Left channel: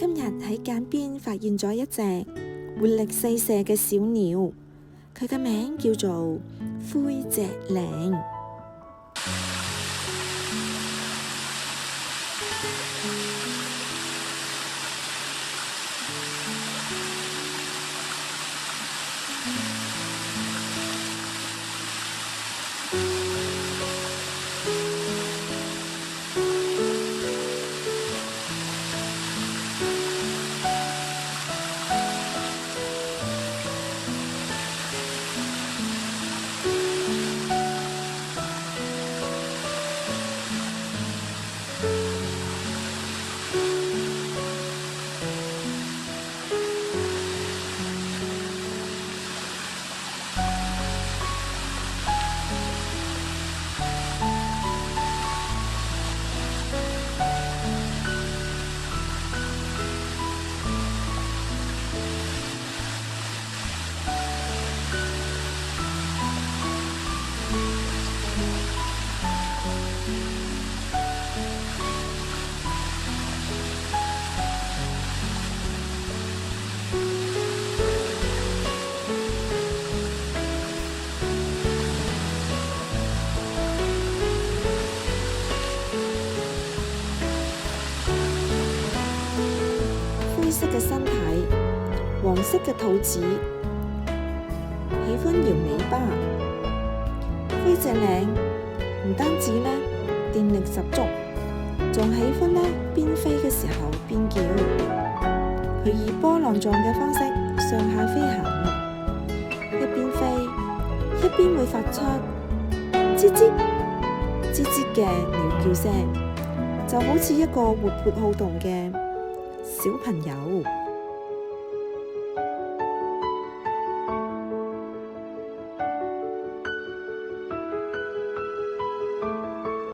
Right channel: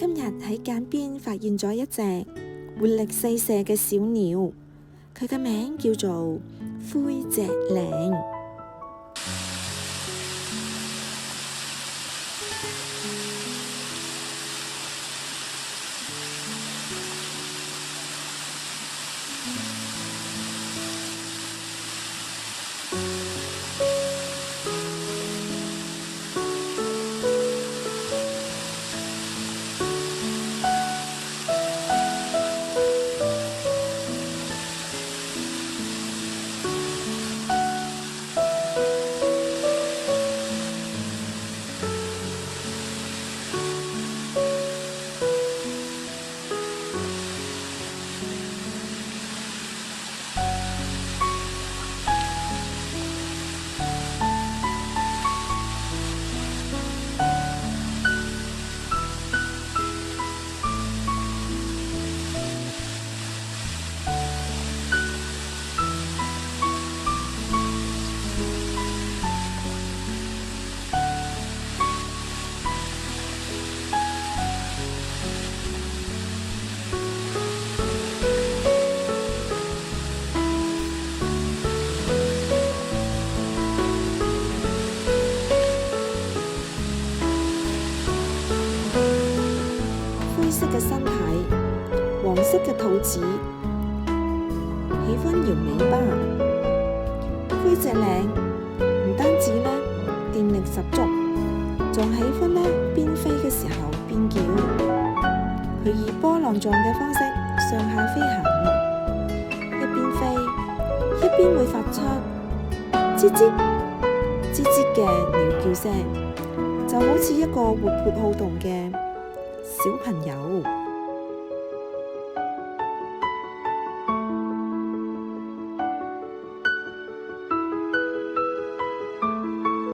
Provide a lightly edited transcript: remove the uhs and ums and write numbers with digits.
今日喺澗邊發現咗一隻活力四射嘅小鳥，佢嘅名叫做灰脊嶺。灰色嘅身體，黃色嘅肚子，喜歡搖尾巴。灰脊嶺唔單止呢電力十足，仲喜歡呢邊飛嘅時候邊叫。佢以波浪狀嘅方式上下飛行，一邊飛一邊會發出吱吱吱吱嘅鳥叫聲，就好似一個活潑好動嘅小朋友。